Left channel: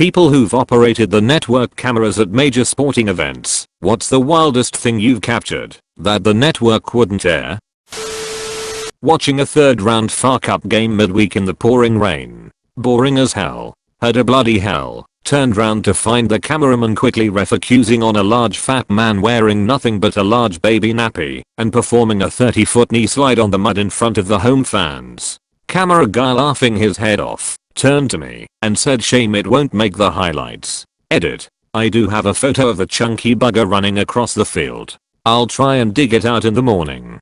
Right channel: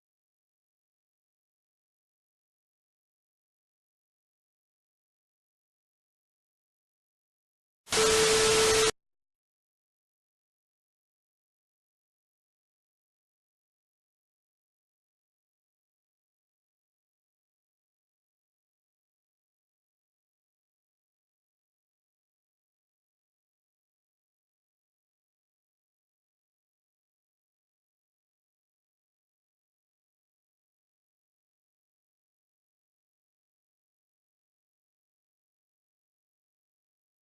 People who've operated the network cameras at major sporting events. What's the wildest thing you've captured that the network wouldn't air? Watching a third round FA Cup game midweek in the pouring rain. Boring as hell. Had a bloody hell. Turned round to find the cameraman quickly refocusing on a large fat man wearing nothing but a large baby nappy and performing a 30-foot knee slide on the mud in front of the home fans. Camera guy laughing his head off turned to me and said, "Shame it won't make the highlights." Edit. I do have a photo of the chunky bugger running across the field. I'll try and dig it out in the morning.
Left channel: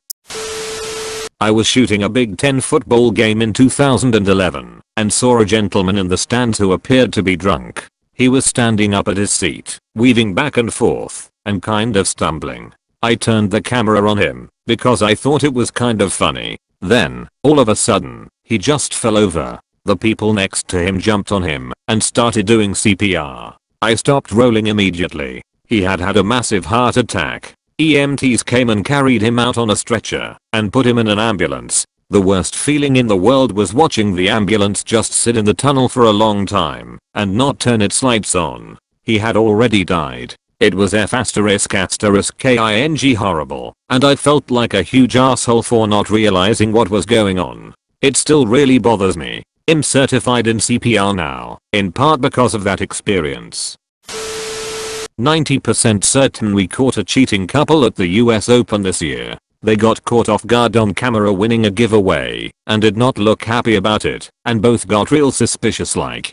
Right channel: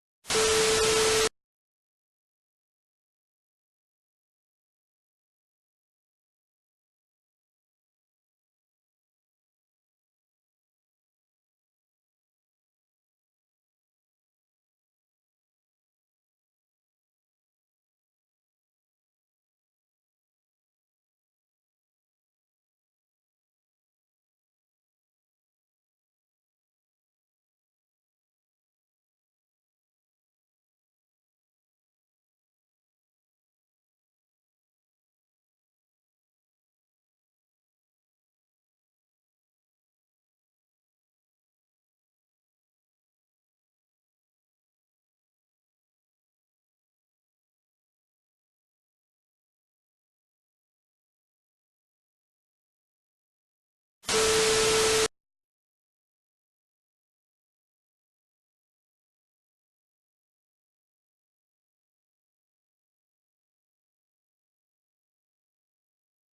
I was shooting a Big Ten football game in 2011 and saw a gentleman in the stands who appeared to be drunk. He was standing up at his seat, weaving back and forth, and kind of stumbling. I turned the camera on him because I thought it was kind of funny. Then, all of a sudden, he just fell over. The people next to him jumped on him and started doing CPR. I stopped rolling immediately. He had had a massive heart attack. EMTs came and carried him out on a stretcher and put him in an ambulance. The worst feeling in the world was watching the ambulance just sit in the tunnel for a long time and not turn its lights on. He had already died. It was F***ing horrible, and I felt like a huge asshole for not realizing what was going on. It still really bothers me. I'm certified in CPR now, in part because of that experience. 90% certain we caught a cheating couple at the US Open this year. They got caught off guard on camera winning a giveaway and did not look happy about it, and both got real suspicious like.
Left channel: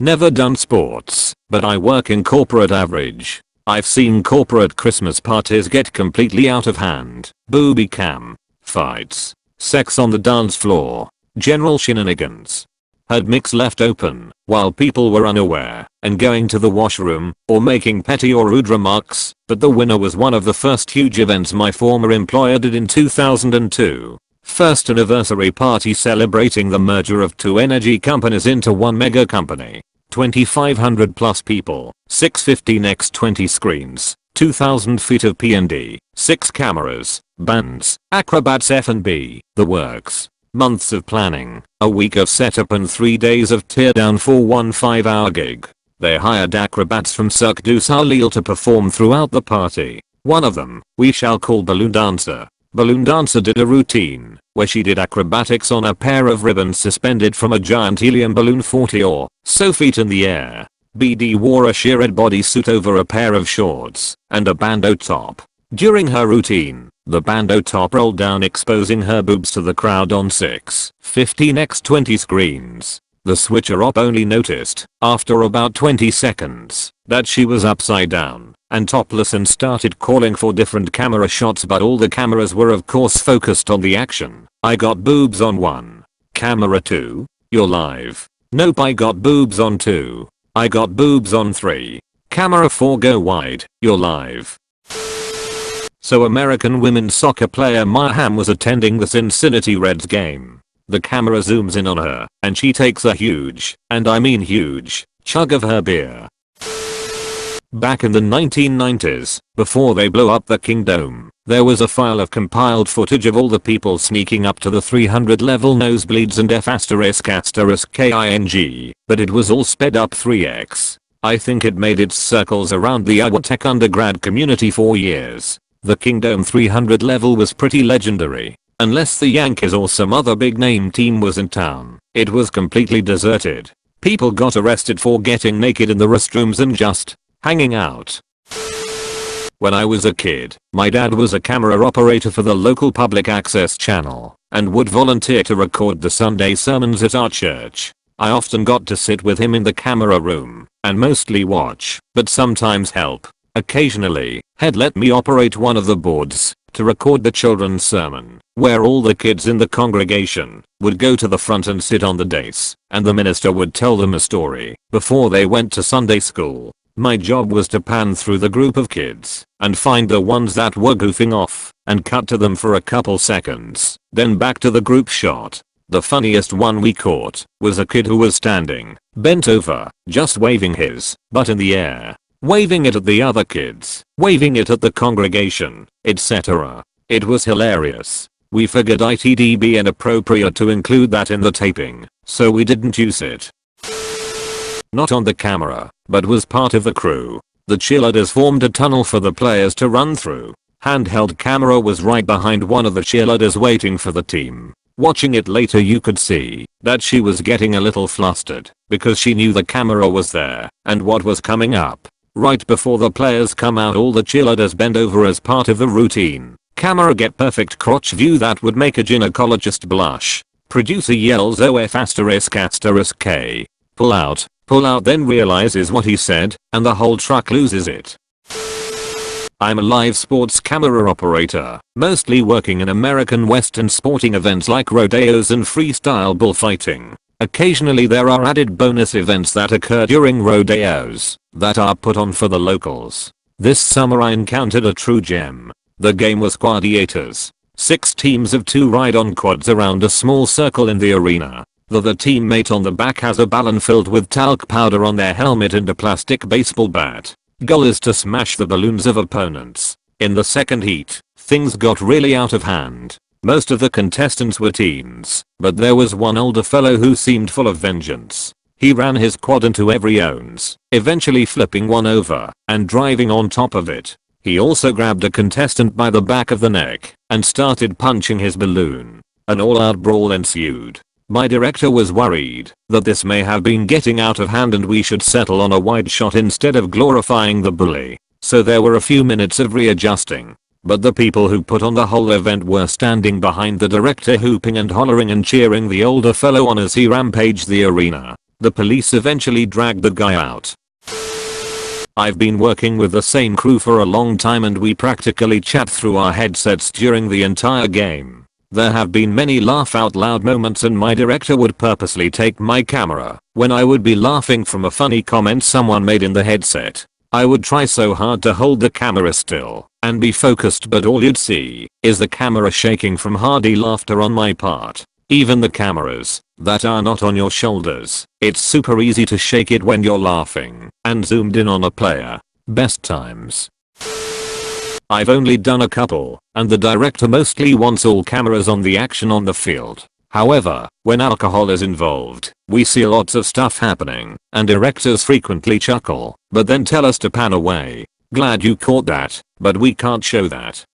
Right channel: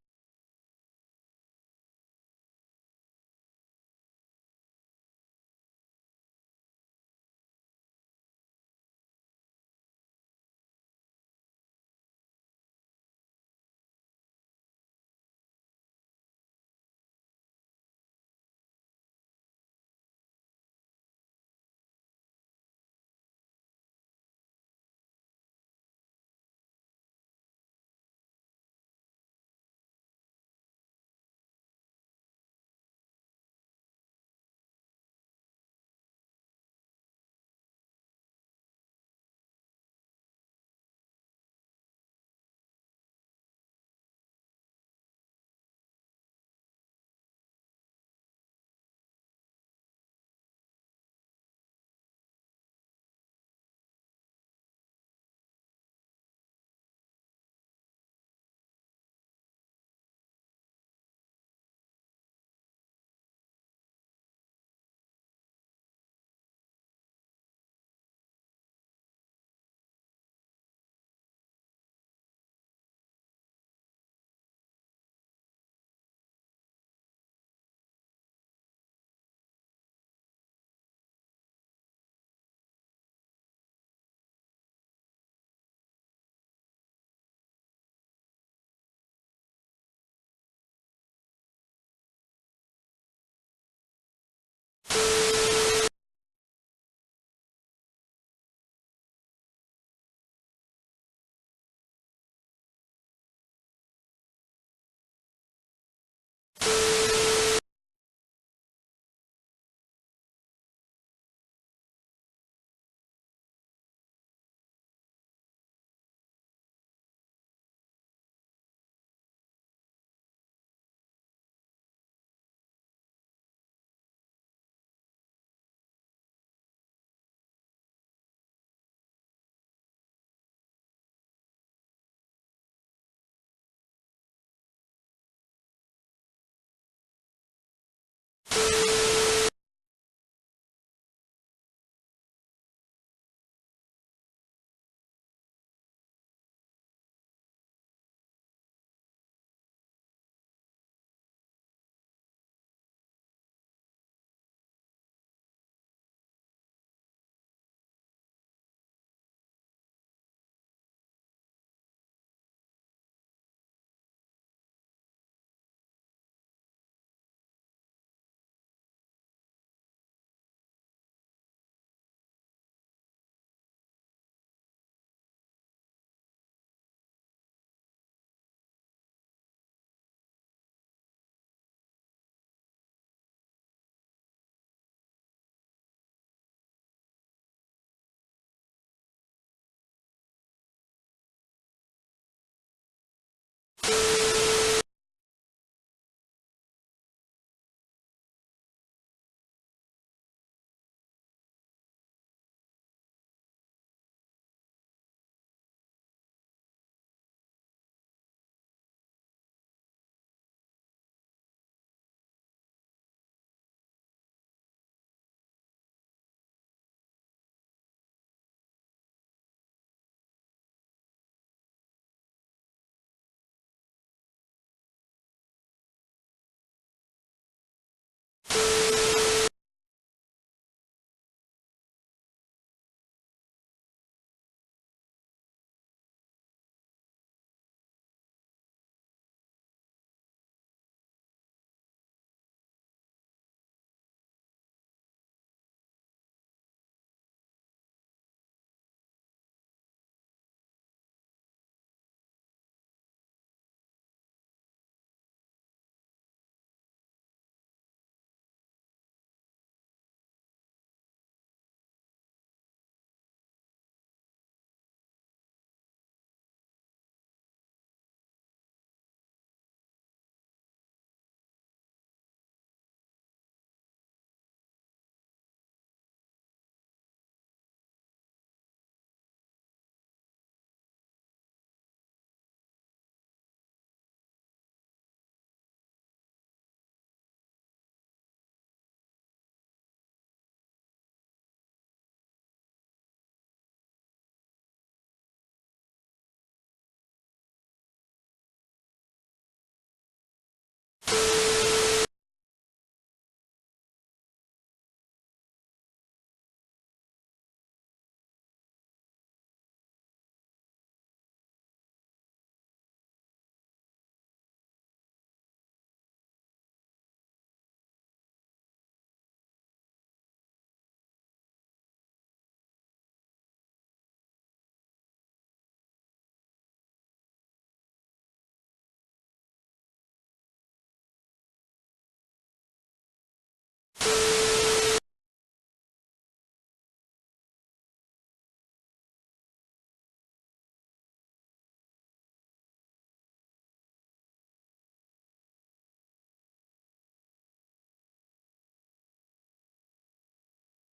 Never done sports, but I work in corporate average. I've seen corporate Christmas parties get completely out of hand. Booby cam, fights, sex on the dance floor, general shenanigans. Had mics left open while people were unaware and going to the washroom or making petty or rude remarks, but the winner was one of the first huge events my former employer did in 2002. First anniversary party celebrating the merger of two energy companies into one mega company. 2,500 plus people, 650x20 screens, 2,000 feet of P&D, 6 cameras, bands, acrobats, F&B, the works. Months of planning, a week of setup and 3 days of teardown for one 5-hour gig. They hired acrobats from Cirque du Soleil to perform throughout the party. One of them, we shall call Balloon Dancer. Balloon Dancer did a routine where she did acrobatics on a pair of ribbons suspended from a giant helium balloon 40 or so feet in the air. BD wore a sheer red bodysuit over a pair of shorts and a bandeau top. During her routine, the bandeau top rolled down exposing her boobs to the crowd on 6 15x20 screens. The switcher op only noticed, after about 20 seconds, that she was upside down and topless and started calling for different camera shots, but all the cameras were of course focused on the action. I got boobs on 1. Camera 2, you're live. Nope, I got boobs on 2. I got boobs on 3. Camera 4, go wide, you're live. So American women's soccer player Maya Hamm was attending the Cincinnati Reds game. The camera zooms in on her and she takes a huge, and I mean huge, chug of her beer. Back in the 1990s, before they blew up the Kingdome, there was a file of compiled footage of all the people sneaking up to the 300 level nosebleeds and F***ing, but it was all sped up 3x. I think it made its circles around the Iowa Tech undergrad community for years. The Kingdome 300 level was pretty legendary. Unless the Yankees or some other big name team was in town, it was completely deserted. People got arrested for getting naked in the restrooms and just hanging out. When I was a kid, my dad was a camera operator for the local public access channel and would volunteer to record the Sunday sermons at our church. I often got to sit with him in the camera room and mostly watch, but sometimes help. Occasionally, he'd let me operate one of the boards to record the children's sermon, where all the kids in the congregation would go to the front and sit on the dais, and the minister would tell them a story before they went to Sunday school. My job was to pan through the group of kids and find the ones that were goofing off and cut to them for a couple seconds, then back to the group shot. The funniest one we caught was a kid who was standing, bent over, just waving his butt in the air. Waving it at the other kids, waving it at the congregation, etc. It was hilarious. We figured it'd be inappropriate to include that in the taping, so we didn't use it. not on the camera, but was part of the crew. The cheerleaders formed a tunnel for the players to run through. Handheld camera was right behind one of the cheerleaders waiting for the team. Watching it later you could see that she was getting a little flustered because she knew the camera was there and what was coming up. Right before the players come out all the cheerleaders bend over as part of the routine. Camera get perfect crotch view that would make a gynecologist blush. Producer yells OF***K. Pull out, then realizes what he said and the whole truck loses it. I'm a live sports camera operator, mostly working in American Western sporting events like rodeos and freestyle bullfighting. Occasionally there are added bonus events that occur during rodeos that are put on for the locals. This summer I encountered a true gem. The game was Quadiators. 6 teams of 2 ride on quads around a small circle in the arena. The teammate on the back has a ballon filled with talc powder on their helmet and a plastic baseball bat. Goal is to smash the balloons of opponents. In the second heat, things got really out of hand. Most of the contestants were teens, but there was one older fellow who seemed full of vengeance. He ran his quad into every ones, eventually flipping one over and driving on top of it. He also grabbed a contestant by the back of the neck and started punching his balloon. An all-out brawl ensued. My director was worried that this may have been getting out of hand and we should settle on a wide shot instead of glorifying the bully. So there were a few minutes of readjusting. But the people who put on the whole event were standing behind the director hooping and hollering and cheering the older fellow on as he rampaged the arena. The police eventually dragged the guy out. I've been working with the same crew for a long time and we practically chat through our headsets during the entire game. There have been many laugh out loud moments and my director would purposely take my camera when I would be laughing from a funny comment someone made in the headset. I would try so hard to hold the camera still and be focused but all you'd see is the camera shaking from hearty laughter on my part. Even the cameras that are not on your shoulders, it's super easy to shake it when you're laughing and zoomed in on a player. Best times. I've only done a couple, and the director mostly wants all cameras on the action on the field. However, when alcohol is involved, we see lots of stuff happening, and directors frequently chuckle, but then tell us to pan away. Glad you caught that, but we can't show that.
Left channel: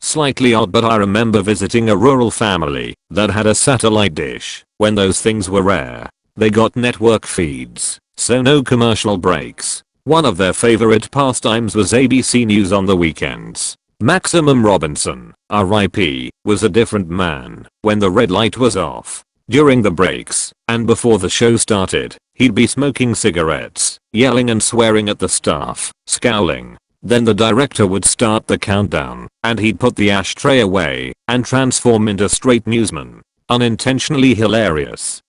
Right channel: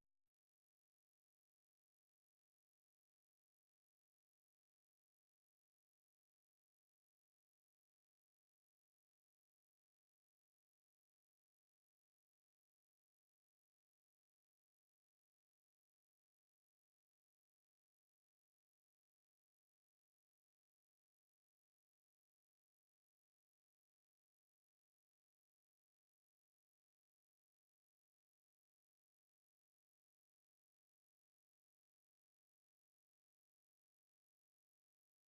Slightly odd, but I remember visiting a rural family that had a satellite dish when those things were rare. They got network feeds, so no commercial breaks. One of their favorite pastimes was ABC News on the weekends. Maximum Robinson, RIP, was a different man when the red light was off. During the breaks, and before the show started, he'd be smoking cigarettes, yelling and swearing at the staff, scowling. Then the director would start the countdown, and he'd put the ashtray away and transform into straight newsman. Unintentionally hilarious.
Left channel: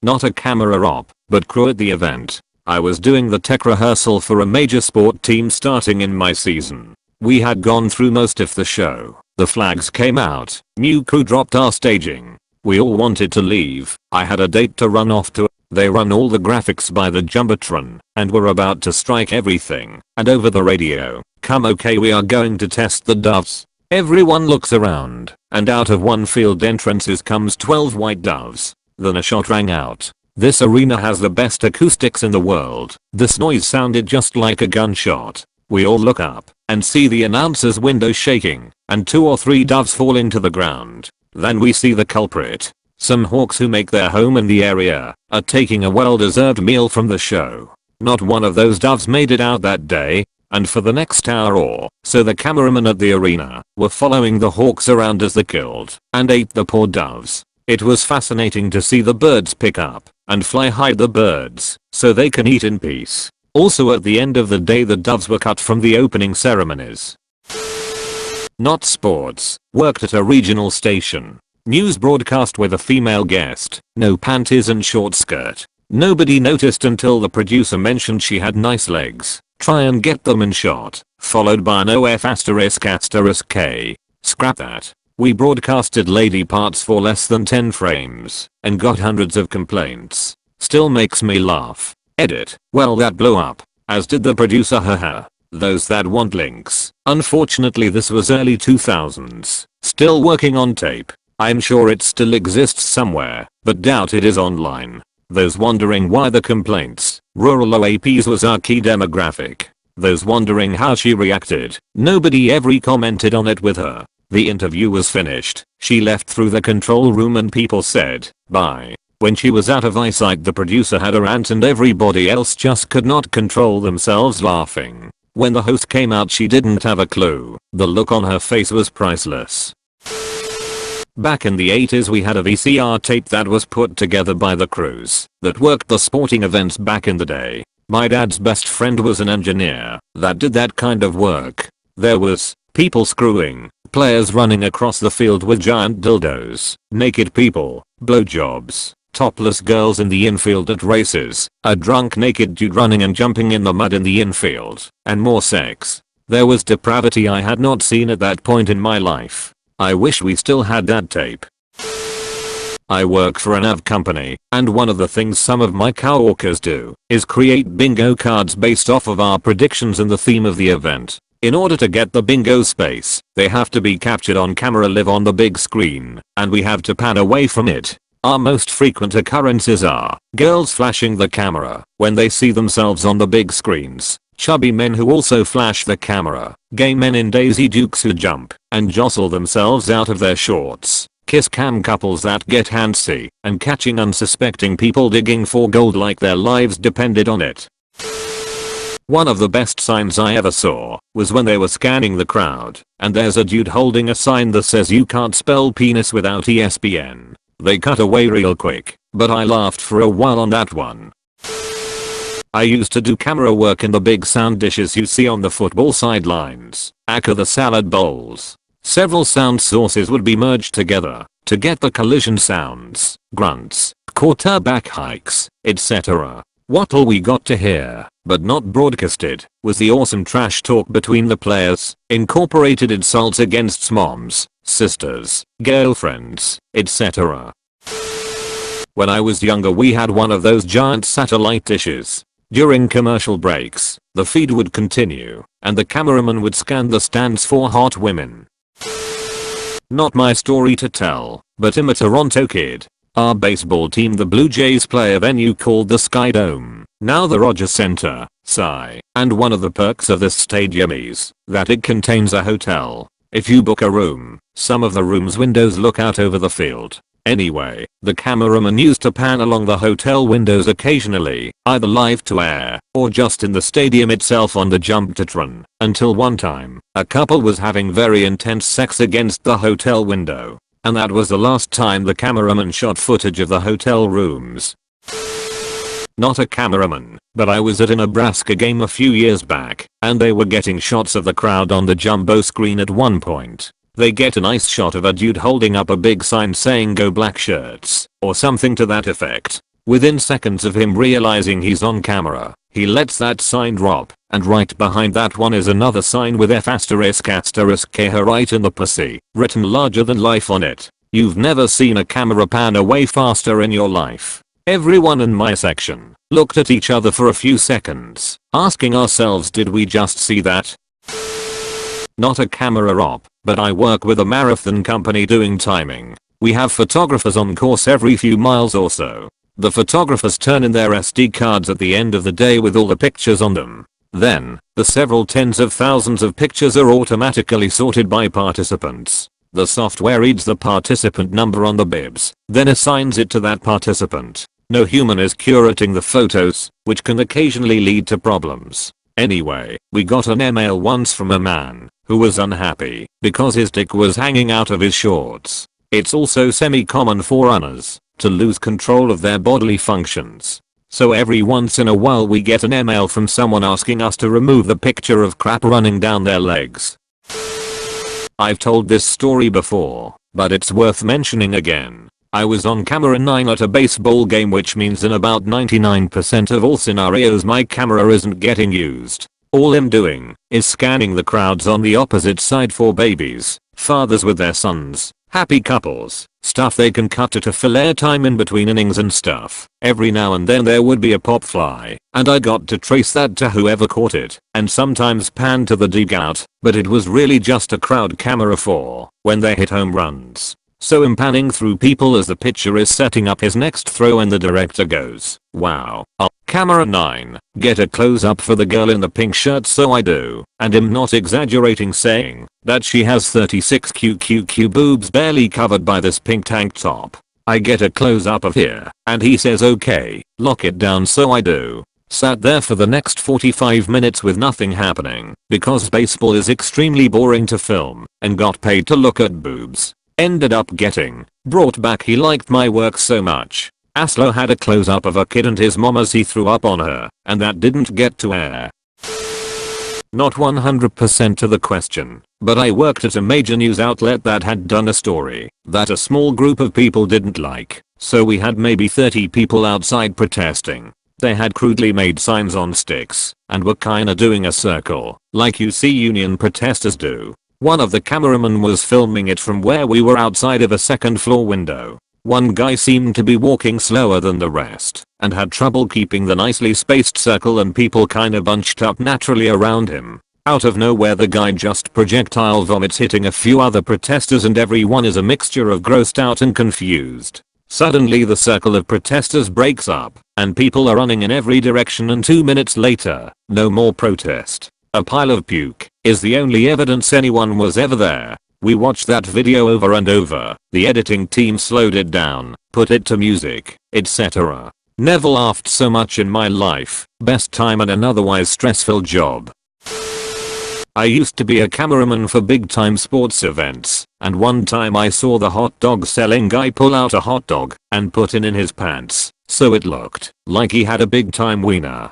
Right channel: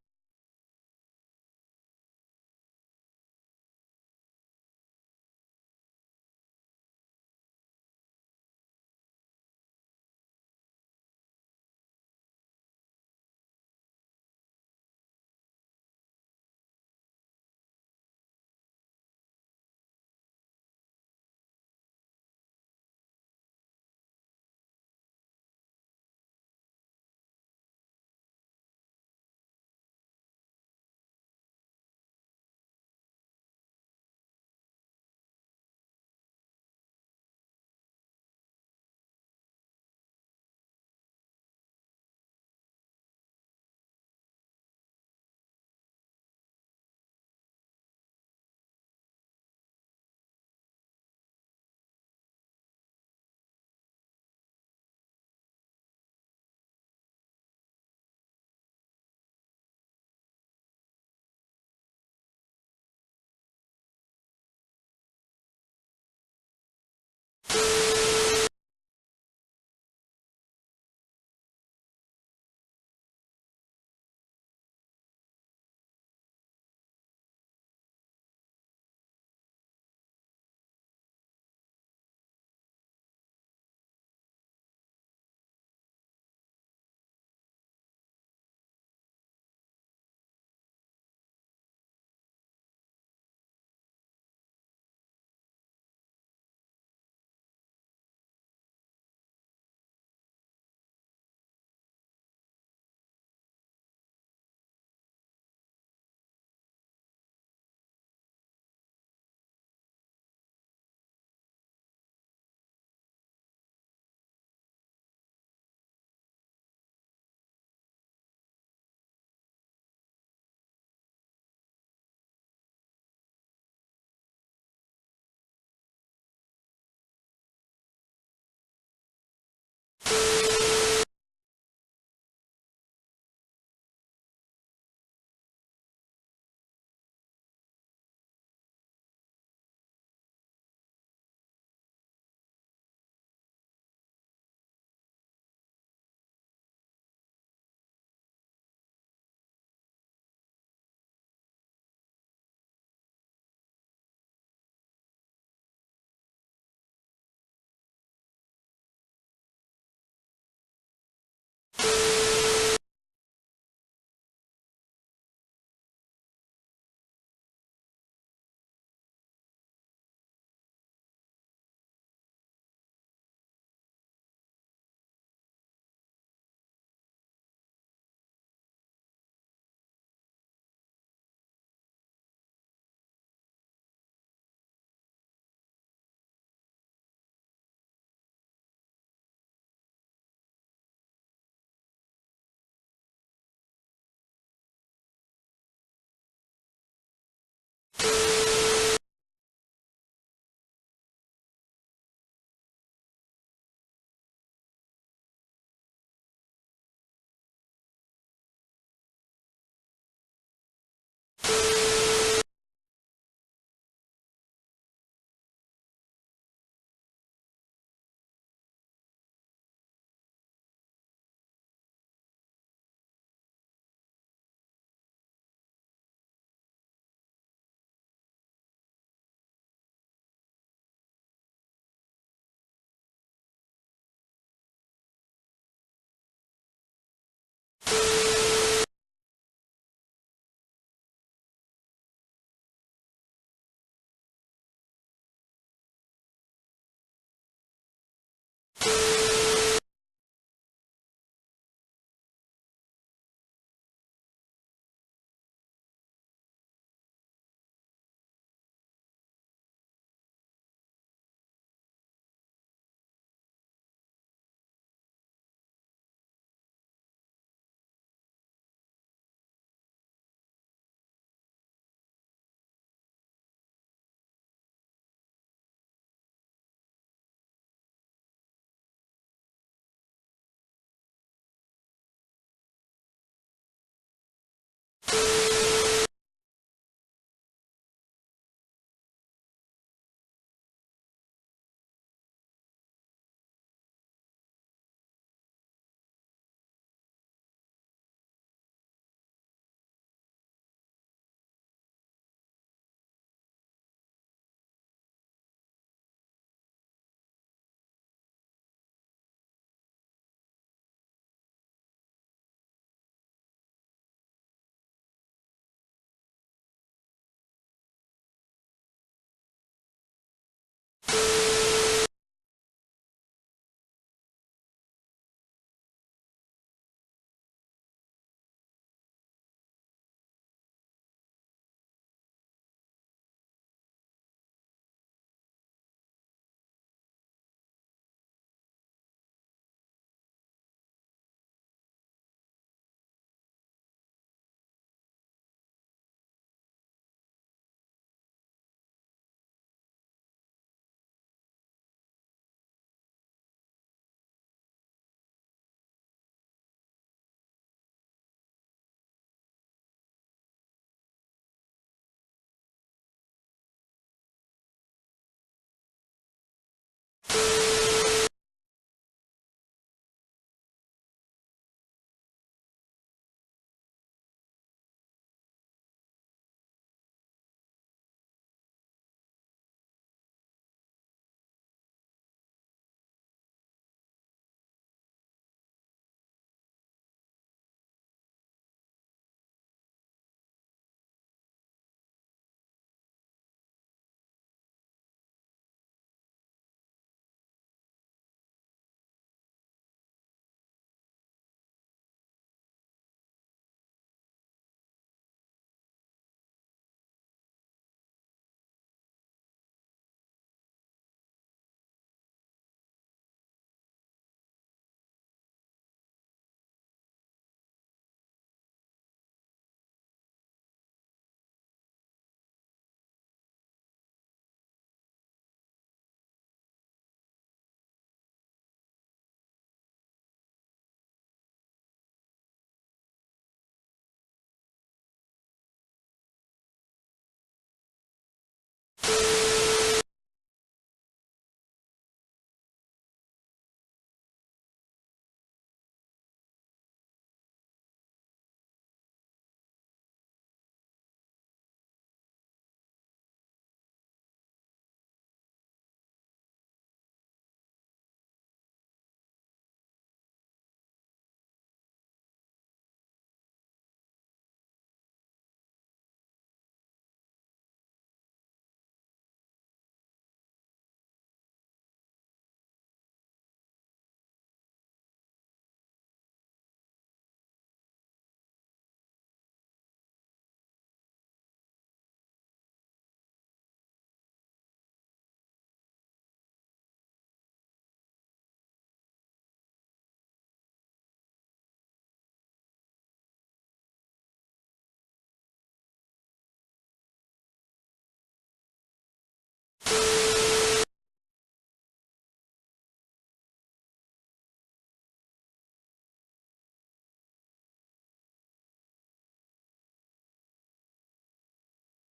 Not a camera op, but crew at the event. I was doing the tech rehearsal for a major sport team starting in my season. We had gone through most of the show. The flags came out. New crew dropped our staging. We all wanted to leave. I had a date to run off to. They run all the graphics by the Jumbotron and were about to strike everything. And over the radio, "Come okay, we are going to test the doves." Everyone looks around and out of one field entrances comes 12 white doves. Then a shot rang out. This arena has the best acoustics in the world. This noise sounded just like a gunshot. We all look up and see the announcer's window shaking and 2 or 3 doves falling to the ground. Then we see the culprit. Some hawks who make their home in the area are taking a well-deserved meal from the show. Not one of those doves made it out that day, and for the next hour or so the cameramen at the arena were following the hawks around as they killed and ate the poor doves. It was fascinating to see the birds pick up and fly hide the birds so they can eat in peace. Also at the end of the day the doves were cut from the opening ceremonies. Not sports. Worked at a regional station. News broadcast with a female guest. No panties and short skirt. Nobody noticed until the producer mentioned she had nice legs. Try and get them in shot. Followed by an OF***K. Scrap that. We broadcasted lady parts for less than 10 frames and got hundreds of complaints. Still makes me laugh. Edit. Well, that blew up. As did the producer, haha. Those that want links. Unfortunately this was early 2000s. Still working on tape. I'm sure it still exists somewhere, but doubt it is online. Those wondering why the complaints, rural OAPs was our key demographic. Those wondering how she reacted, nobody ever commented on it with her. The interview was finished, she left through the control room and people said, bye. When she was out of eyesight the producer had a rant and everybody else just could not control themselves laughing. When the host came out she didn't have a clue. The look on her face was priceless. Back in the 80s we had a VCR tape that was put together by the crews that worked the sporting events back in the day. My dad's best friend was an engineer that did that kind of work. There was people screwing, players running across the field with giant dildos, naked people, blowjobs, topless girls in the infield at races, a drunk naked dude running and jumping in the mud in the infield, and more sex. There was depravity I had not seen at that point in my life. I wish we still had that tape. I work for an AV company, and one of the things some of my coworkers do is create bingo cards based off of our predictions and the theme of the event. In order to get the bingo space, they have to be captured on camera live on the big screen, and we have to pan away from it. Our most frequent occurrences are girls flashing the camera when they see themselves on the big screens, chubby men who also flash the camera, gay men in Daisy Dukes who jump and jostle themselves out of their shorts, kiss cam couples that get handsy, and catching unsuspecting people digging for gold like their lives depended on it. One of the best signs I ever saw was when they were scanning the crowd, and there's a dude holding a sign that says you can't spell penis without ESPN. They cut away real quick, but I laughed for a while on that one. I used to do camera work in the big sound dishes you see on the football sidelines, aka the salad bowls. Several sound sources would be merged together to get the collision sounds, grunts, quarterback hikes, etc. What all we got to hear, but not broadcasted, was the awesome trash talk between the players, incorporated insults against moms, sisters, girlfriends, etc. When I was younger we had one of those giant satellite dishes. During commercial breaks, the feed would continue, and the cameraman would scan the stands for hot women. Not my story to tell, but I'm a Toronto kid. Our baseball team the Blue Jays play a venue called the Sky Dome, now the Rogers Center, Sigh, and one of the perks of this stadium is that it contains a hotel. If you book a room, some of the room's windows look out over the field. Anyway, the cameraman used to pan along the hotel windows occasionally, either live to air, or just in the stadium itself on the jumbotron, until one time, a couple was having very intense sex against the hotel window. And that was the last time the cameraman shot footage of the hotel rooms. Not a cameraman, but I was at a Nebraska game a few years back, and they were getting shots of the crowd on the jumbo screen at one point. They get a nice shot of a dude holding up a big sign saying "Go Black Shirts," or something to that effect. Within seconds of him realizing he's on camera, he lets that sign drop, and right behind that one is another sign with F*** her right in the pussy, written larger than life on it. You've never seen a camera pan away faster in your life. Everyone in my section looked at each other for a few seconds, asking ourselves, did we just see that? Not a camera op, but I work with a marathon company doing timing. We have photographers on course every few miles or so. The photographers turn in their SD cards at the end of the day with all the pictures on them. Then, the several tens of thousands of pictures are automatically sorted by participants. The software reads the participant number on the bibs, then assigns it to that participant. No human is curating the photos, which can occasionally lead to problems. Anyway, we got an email once from a man who was unhappy because his dick was hanging out of his shorts. It's also semi-common for runners to lose control of their bodily functions. So every once in a while we get an email from someone asking us to remove the picture of crap running down their legs. I've told this story before, but it's worth mentioning again. I was on camera 9 at a baseball game, which means in about 99% of all scenarios my camera isn't getting used. All I'm doing is scanning the crowds on the opposite side for babies, fathers with their sons, happy couples, stuff they can cut to fill air time in between innings and stuff. Every now and then there would be a pop fly, and I got to trace that to whoever caught it, and sometimes pan to the dugout, but it was really just a crowd camera for when they hit home runs. So I'm panning through people as the pitcher is setting up his next throw and the director goes, "Wow. Camera 9, get a close up for the girl in the pink shirt." So I do, and I'm not exaggerating saying that she has 36 QQQ boobs barely covered by this pink tank top. I get a close up of here, and he says okay, lock it down. So I do. Sat there for the next 45 minutes with nothing happening because baseball is extremely boring to film, and got paid to look at boobs. Ended up getting brought back. He liked my work so much. Aslo had a close up of a kid and his mom as he threw up on her, and that didn't get to air. Not 100% to the question, but I worked at a major news outlet that had done a story that a small group of people didn't like, so we had maybe 30 people outside protesting. They had crudely made signs on sticks and were kinda doing a circle, like you see union protesters do. One of the cameramen was filming it from where we were outside of a second floor window. One guy seemed to be walking slower than the rest and had trouble keeping the nicely spaced circle, and people kinda bunched up naturally around him. Out of nowhere the guy just projectile vomits, hitting a few other protesters, and everyone is a mixture of grossed out and confused. Suddenly the circle of protesters breaks up and people are running in every direction, and 2 minutes later, no more protest. A pile of puke is the only evidence anyone was ever there. We watched that video over and over. The editing team slowed it down, put it to music, etc. Never laughed so much in my life. Best time in an otherwise stressful job. I used to be a cameraman for big time sports events, and one time I saw the hot dog selling guy pull out a hot dog and put it in his pants, so it looked like he had a big time wiener.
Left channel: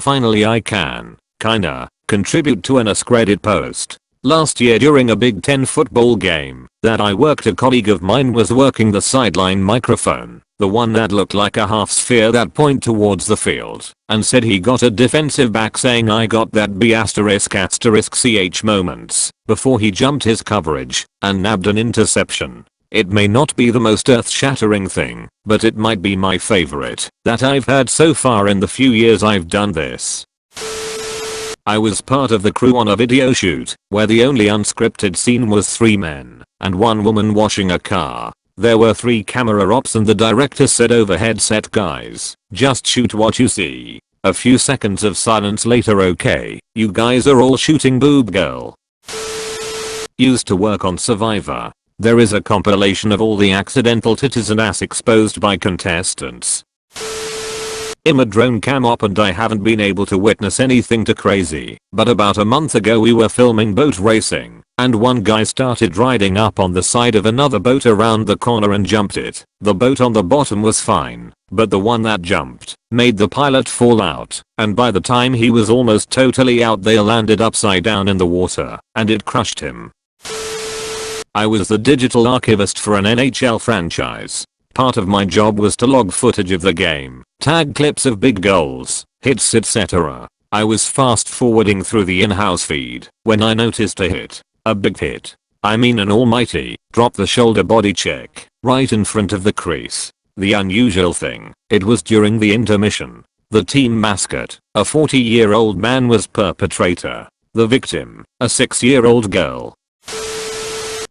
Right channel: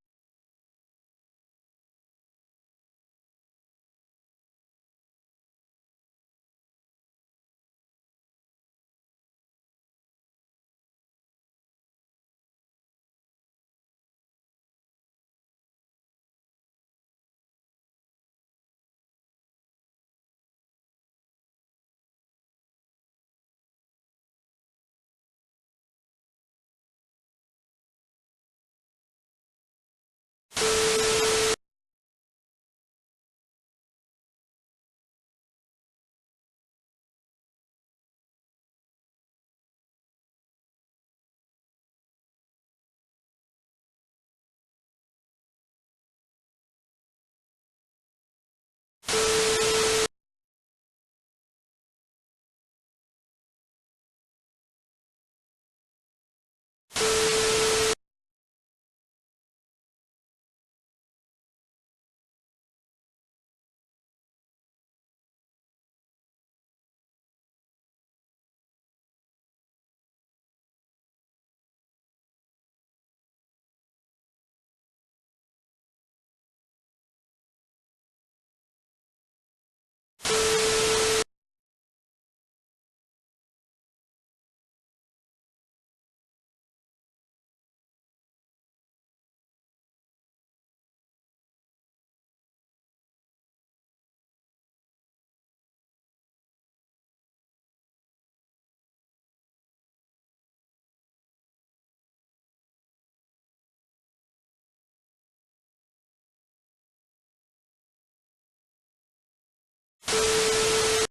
Finally I can, kinda, contribute to an Reddit post. Last year during a Big Ten football game that I worked, a colleague of mine was working the sideline microphone, the one that looked like a half sphere that point towards the field, and said he got a defensive back saying I got that B****ch moments before he jumped his coverage and nabbed an interception. It may not be the most earth-shattering thing, but it might be my favorite that I've heard so far in the few years I've done this. I was part of the crew on a video shoot where the only unscripted scene was 3 men and 1 woman washing a car. There were 3 camera ops and the director said over headset, "Guys, just shoot what you see." A few seconds of silence later, "Okay, you guys are all shooting boob girl." Used to work on Survivor. There is a compilation of all the accidental titties and ass exposed by contestants. I'm a drone cam op and I haven't been able to witness anything too crazy, but about a month ago we were filming boat racing, and one guy started riding up on the side of another boat around the corner and jumped it. The boat on the bottom was fine, but the one that jumped made the pilot fall out, and by the time he was almost totally out they landed upside down in the water, and it crushed him. I was the digital archivist for an NHL franchise. Part of my job was to log footage of the game, tag clips of big goals, hits, etc. I was fast forwarding through the in-house feed when I noticed a hit. A big hit. I mean an almighty drop the shoulder body check right in front of the crease. The unusual thing, it was during the intermission. The team mascot, a 40-year-old man, was perpetrator. The victim, a 6-year-old girl.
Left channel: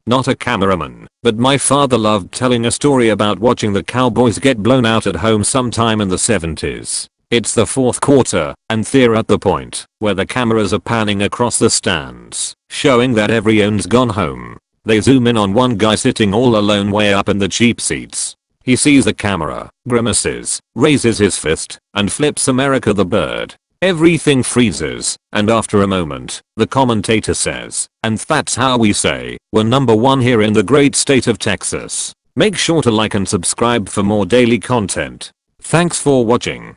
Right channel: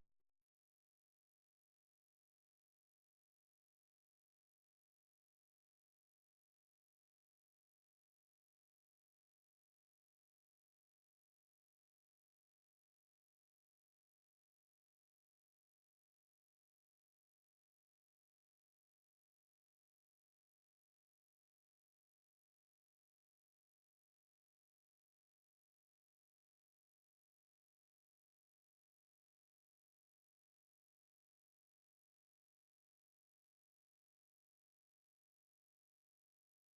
Not a cameraman, but my father loved telling a story about watching the Cowboys get blown out at home sometime in the 70s. It's the 4th quarter, and they're at the point where the cameras are panning across the stands, showing that everyone's gone home. They zoom in on one guy sitting all alone way up in the cheap seats. He sees the camera, grimaces, raises his fist, and flips America the bird. Everything freezes, and after a moment, the commentator says, "And that's how we say, we're #1 here in the great state of Texas." Make sure to like and subscribe for more daily content. Thanks for watching.